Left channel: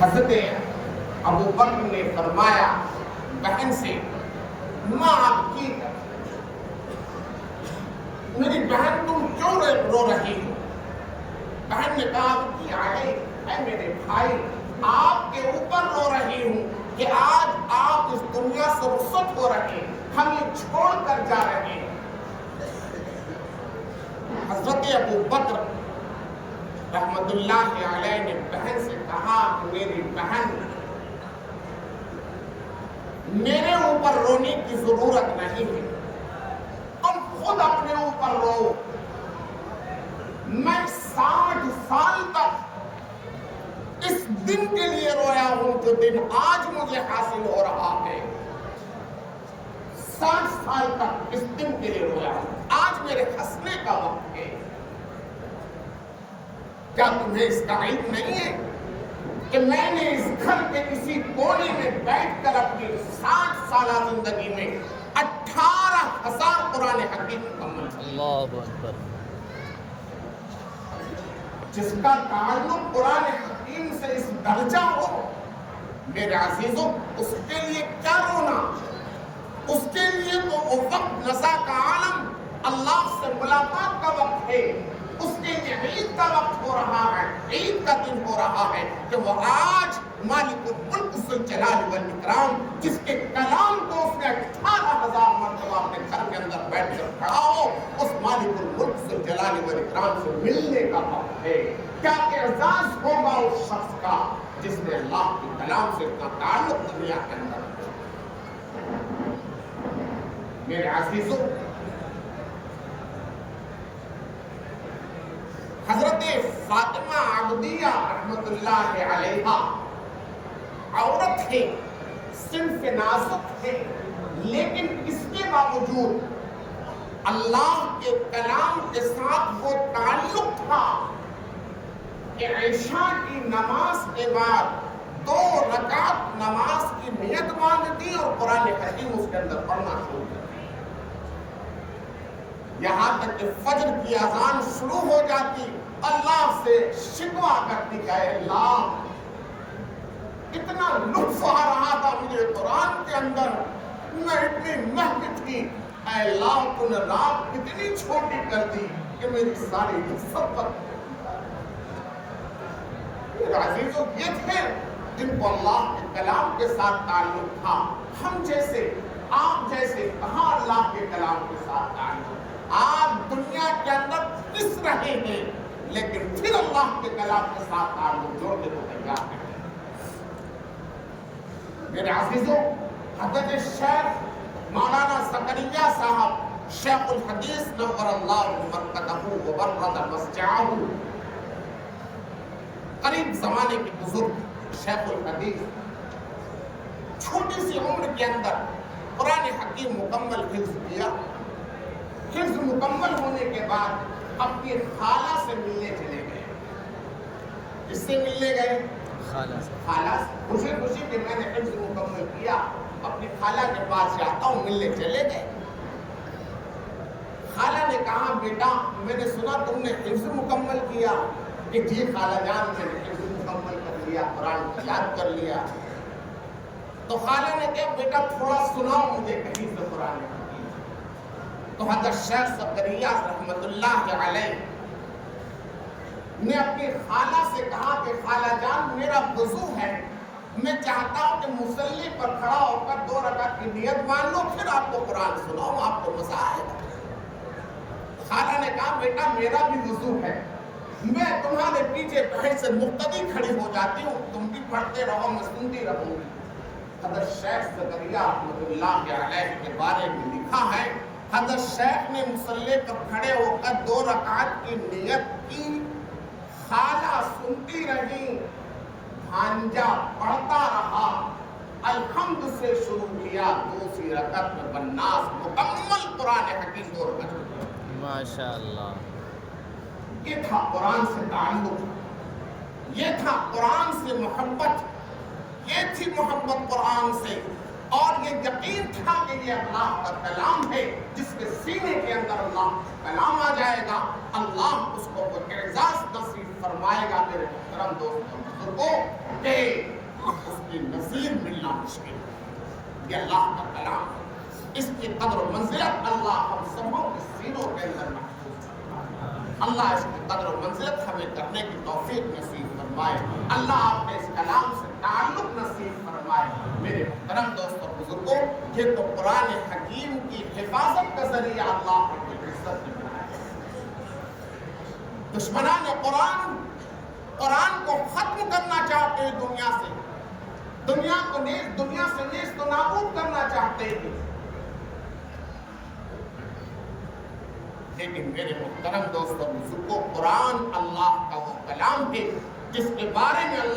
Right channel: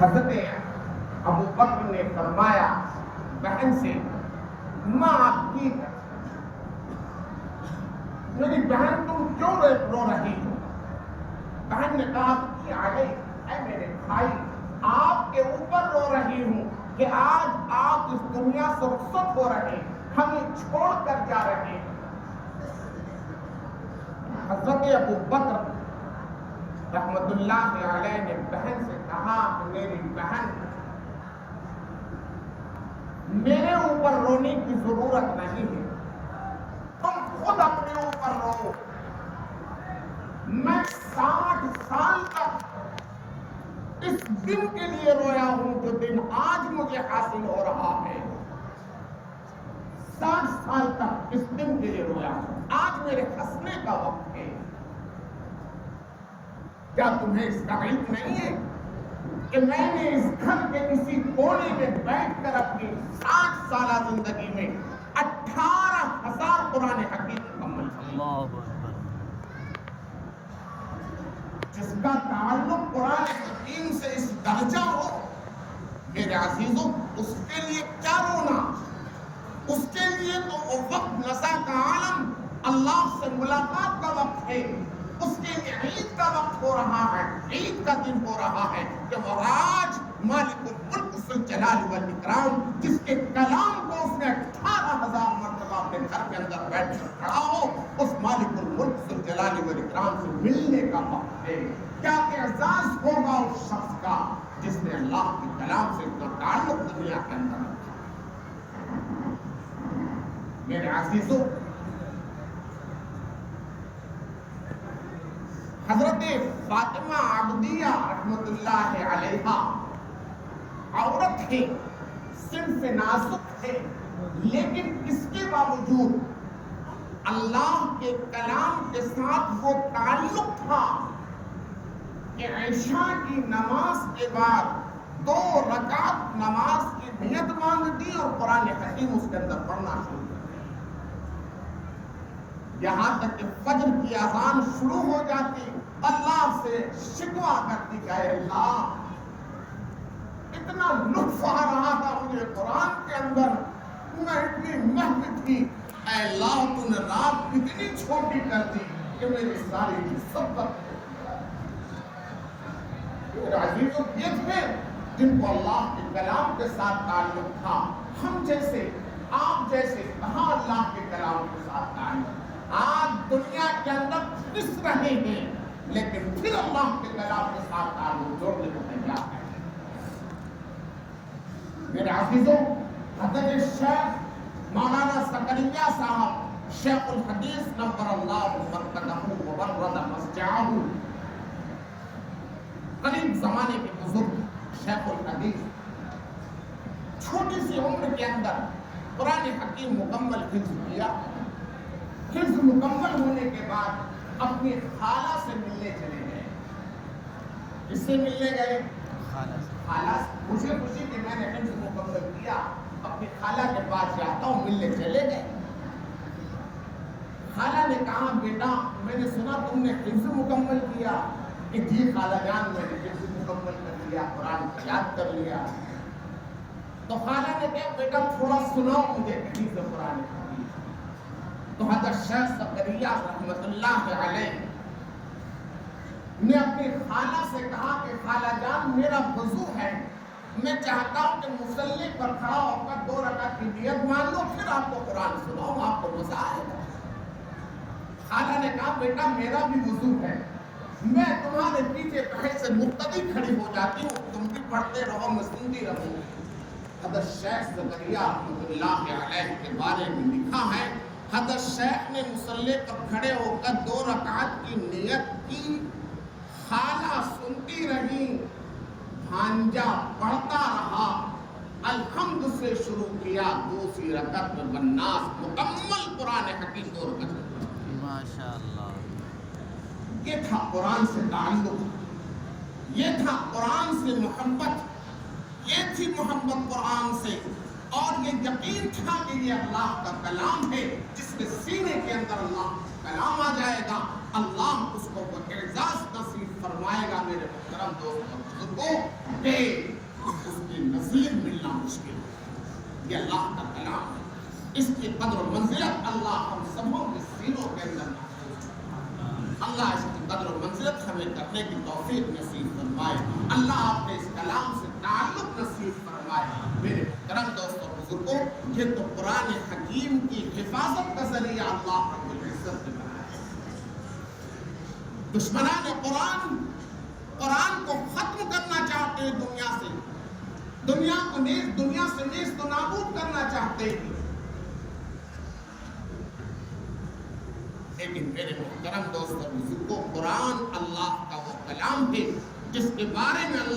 حضرت ابو بکر نے فرمایا بہن سے، ماں آپ کی میری بہن تم کیوں رو رہی ہو؟ بہن نے کہا کہ اے میرے بھائی، آپ کے اوپر رو رہی ہوں کہ آج آپ اس دنیا سے رخصت ہو رہے ہیں، ہمیں چھوڑ کر جا رہے ہیں۔ حضرت ابو بکر رحمت اللہ علیہ نے بہن سے کہا کہ میری بہن، میرے اوپر رونے کی ضرورت نہیں ہے، تم خود اپنے اوپر رو۔ میں 60 سال تک اس دن کے لیے رویا ہوں جو دن آج مجھے حاصل ہو رہا ہے۔ 60 سال تک اس دن کے لیے رویا ہوں، آج میرے ہنسنے کا وقت ہے۔ کیا تمہیں اس کا علم نہیں ہے کہ میں نے اس گھر کے کسی کونے میں بیٹھ کر اپنی 60 سالہ زندگی میں 18,000 قرآن حکیم مکمل کیے؟ اللہ اکبر۔ جس کا تعلق قرآن حکیم سے اس درجہ ہو، میرے عزیزوں، اس کے لیے کیا رونا؟ اس کے لیے تو وہ وقت نزا کا عالم، اللہ سے ملاقات کا وقت ہے، اس کے لیے عید کا وقت ہو رہا ہے، عید کا دن ہو رہا ہے کہ وہ آج مالک الملک ذوالجلال والاکرام، جس کے کلام کو اس نے 18,000 مرتبہ اپنے گھر کے اندر بیٹھ کر پڑھا ہو، اس مالک الملک ذوالجلال والاکرام سے ملنے کا وقت ہے۔ کیا اعزاز ہوگا اس شخص کا جس نے اللہ کے کلام سے اتنا تعلق دنیا کے اندر رکھا۔ میرے عزیزوں، حضرت فاطمہ عبدیہ رحمت اللہ علیہا عورت تھے، صنف نازک تھے، لیکن اس کے باوجود اللہ کے کلام کے ساتھ وہ تعلق تھا کہ عشاء کی نماز کے بعد 2 رکعت نماز کی نیت باندھتی اور قرآن حکیم اس کے اندر پڑھنا شروع کر، یہاں تک کہ فجر کی اذان شروع ہو جاتی، اللہ سے شکوہ کرتی کہ اے اللہ، اتنا لطف آ رہا تھا مجھے قرآن کے اندر، میں اتنی محنت کی، اے اللہ تو نے رات اتنی چھوٹی کر دی کہ میری ساری سب عزیزوں یہ تھے جن کو اللہ کے کلام کے ساتھ تعلق تھا۔ ہم جیسے، آپ جیسے کہاں اللہ کے کلام کے ساتھ تعلق؟ آج دنیا کے اندر پس رہے ہیں، لیکن پھر اللہ کے کلام کے ساتھ تعلق جوڑنے کو تیار ہیں۔ میرے عزیزوں، حضرت شیخ مولانا زکریا صاحب شیخ الحدیث نور اللہ مرقدہ وبرد مسجعہ، قریب زمانے کے بزرگ شیخ الحدیث، چھوٹی سی عمر کے اندر قرآن حکیم مکمل حفظ کیا۔ حفظ مکمل ہونے کے بعد اپنی خالہ سے ملنے چلے گئے۔ اس سے ملنے گئے خالہ سے، خوشی خوشی کہ میں نے حفظ مکمل کیا، اپنی خالہ کے پاس جاتا ہوں، ملنے چلے گئے۔ خالہ نے کہا بیٹا میں نے سنا تم نے حفظ مکمل کیا؟ کہ جی خالہ جان میں نے حفظ مکمل کر لیا، قرآن یاد کر لیا۔ تو خالہ نے کہا بیٹا تھوڑا سناؤ مجھے کہیں سے قرآن حکیم۔ تو حضرت شیخ زکریا رحمت اللہ علیہ نے اپنی خالہ سے کہا کہ خالہ جان میرا وضو ہے، میں چاہتا ہوں کہ مصلی پر کھڑا ہو کر 2 رکعت کی نیت مان لو، پھر آپ کو قرآن سناؤں، آپ کو مزہ آئے گا۔ خالہ نے کہا بیٹا میرا بھی وضو ہے، میں تمہارے پیچھے بھائی سے مقتدی کھڑی ہو جاتی ہوں، تم بھی پڑھتے رہو میں سنتی رہوں گی۔ حضرت شیخ زکریا رحمت اللہ علیہ کے بارے میں لکھا ہے، حضرت شیخ نے مصلی پر کھڑے ہو کر 2 رکعت کی نیت کی، خالہ سنتی رہی، بھانجا پڑھتا رہا، الحمد سے شروع کیا، 2 رکعت میں والناس مکمل قرآن حکیم 2 رکعت۔ ماشاءاللہ، یہ تھا قرآن سے تعلق، یہ تھا قرآن سے محبت، یہ تھی محبت قرآن سے، اور یہ یقین تھا کہ یہ اللہ کا کلام ہے جس کے سینے کے اندر اللہ کا کلام آ جائے گا، اللہ اس کو اعزاز نصیب فرمائے گا۔ میرے محترم دوستوں بزرگوں، چاہے اس کی نظیر ملنا مشکل ہے۔ یہ اللہ کا کلام ہے، اس کی قدر و منزلت اللہ ہم سبوں کے سینوں کے اندر محفوظ ہے۔ اللہ اس کی قدر و منزلت ہمیں کرنے کی توفیق نصیب فرمائے۔ اللہ آپ کے اس کلام سے تعلق نصیب فرمائے۔ میرے محترم دوستوں بزرگوں، یہ تو قرآن حکیم کی حفاظت کا ذریعہ اللہ رب العزت نے بنایا ہے۔ دشمنان قرآن کو ختم کرنا چاہتے ہیں دنیا سے، دنیا سے نیست و نابود کرنا چاہتے ہیں، لیکن میرے محترم دوستوں بزرگوں، قرآن اللہ کا وہ کلام ہے جس کے بارے میں اللہ